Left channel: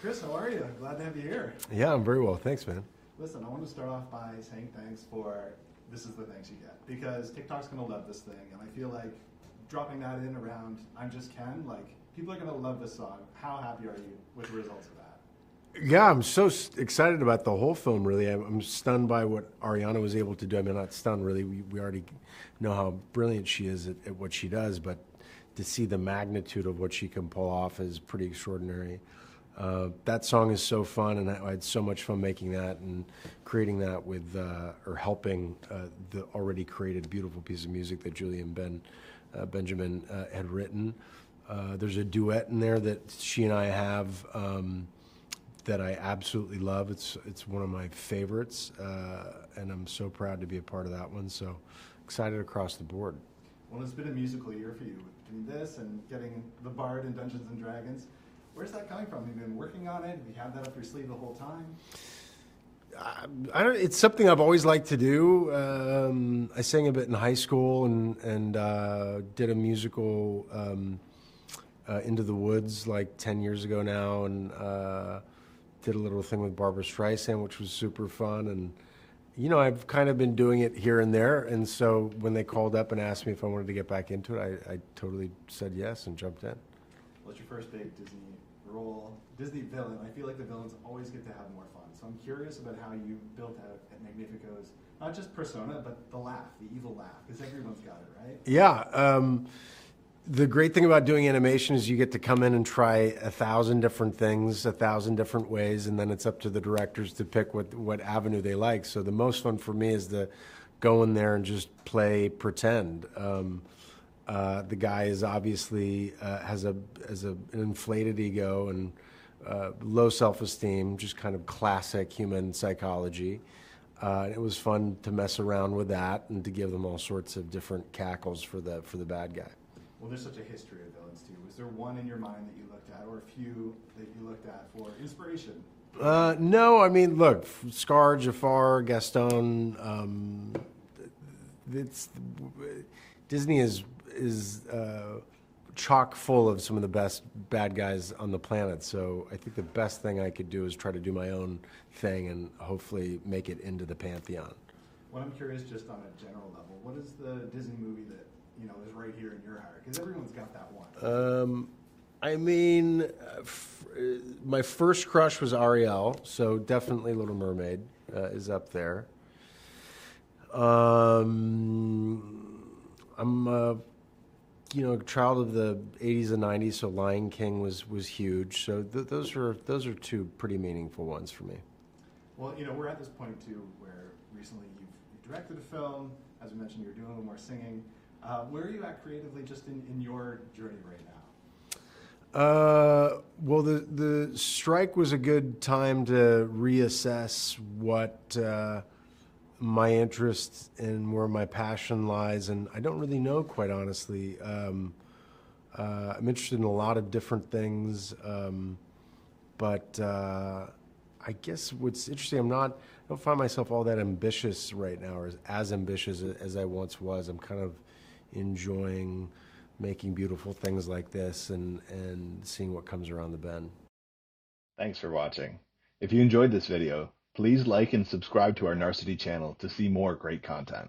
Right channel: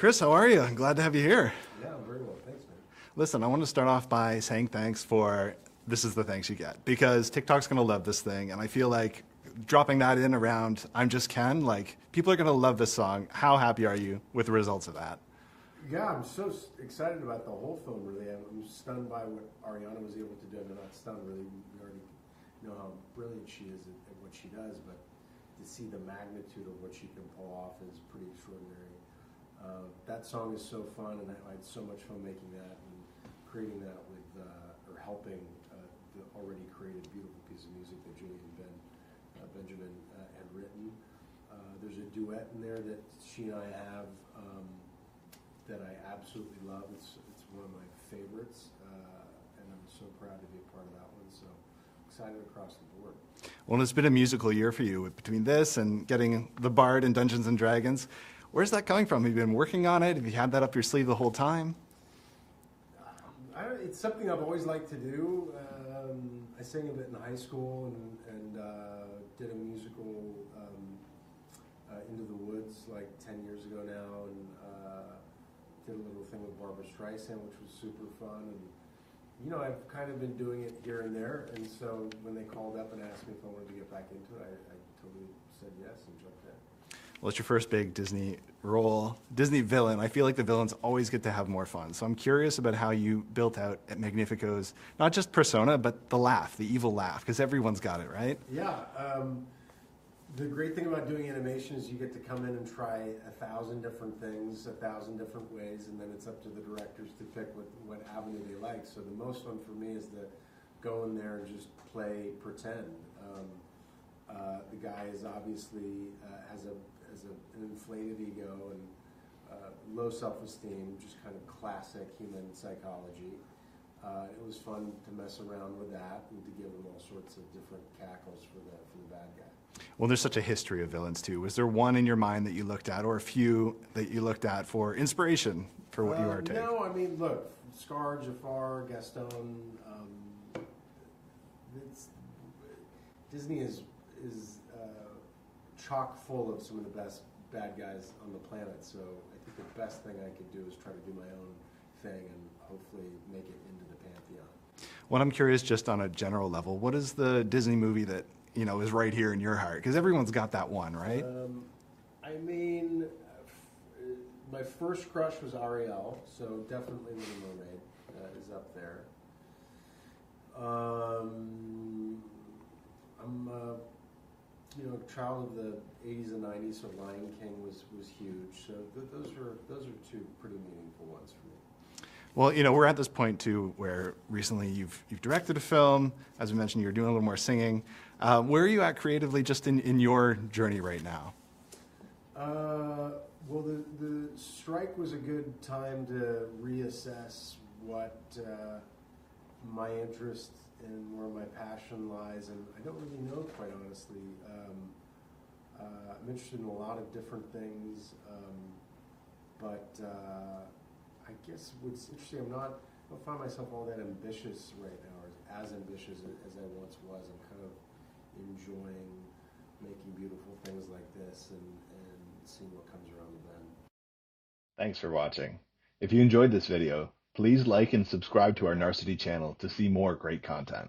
Chris, how are you? I'm glad to have you here. Yeah, I'm very well. Thanks, man. Listen, I want to start off by saying thanks for this is the thanks you get, because TikTok's going to love this thing, and I feel like dropping that in around I'm Just Ken, like, people are going to love this song. How happy are you with the results of that? Yeah, I'm so excited about the whole film, really. I'm stunned by what Ariana was able to do. I mean, not stunned, really. We already know how brilliant she is at what she does, but to see the magnitude of what she can pull off is pretty extraordinary. That song is so fun, and I had so much fun making that and creating that with, or helping the already created beautiful piece of music that Julie and Benjamin had written. There's a duet in there that she and I have that I absolutely love. It's one of my favorites, and I'm so proud to be a part of that one. So excited across the board. Well, it's been a musical year for you between this and getting the Bard in Dungeons and Dragons. Where's that coming from? Have you been working on it? Have you had that up your sleeve the whole time? It's something I've always liked to do. I sang a bit in high school and did a musical, Into the Woods, like 10 years ago now, and did a little thing with Barbra Streisand, which was super fun. And you know, I've kind of been doing it here and there, and so when they called up and asked me if I wanted to get back into it, I totally said yes and jumped in. Well, it's your first big Disney role, Disney villain. I feel like the villains always get to have more fun. So I'm curious about how you built out at Magnifico's, not just persona, but the laugh, the evil laugh, because everyone's got it, right? Yeah. The great thing about doing animation is you get to come in and try 1,000 different things, 1,000 different ways, and then it's up to the directors to pick what avenue they like. So the most fun for me is to go in there and just play pretend. The guy is obviously has an inflated ego and low self-esteem, just kind of classic human psychology. It was fun to mess around with that and to give them all sorts of different cackles for the bad guy. Well, there's such a history of villains too. Was there one in your mind that you looked at, or a few that you looked at for inspiration? No, I mean, look, Scar, Jafar, Gaston. Disney is chock full of some of the best bad guys on the planet. So I think the best thing I could do is try to do my own thing and hopefully make it into the pantheon. Well, I'm curious, just on a general level, what is the Disney movie that is right here in your heart? Because everyone's got that one, right? I mean, my first crush was Ariel, so definitely Little Mermaid is up there. I'm a child of the 80s and 90s, so Lion King was huge. So those are two pretty meaningful ones for me. Well, we're at this point too where recently you've directed a film. As we mentioned, you're doing a little more singing. Where are you at creatively, just in your journey right now? Well, the strike was a good time to reassess what my interest and where my passion lies, and I don't really know, quite honestly. I'm interested in a lot of different things, but I guess what's interesting, I don't find myself all that ambitious right now, or as ambitious as I once was. I'm kind of enjoying making beautiful things like this and seeing what comes around the bend. Thanks for watching. If you enjoyed this video, please like and subscribe to our Narcity channel to see more great content.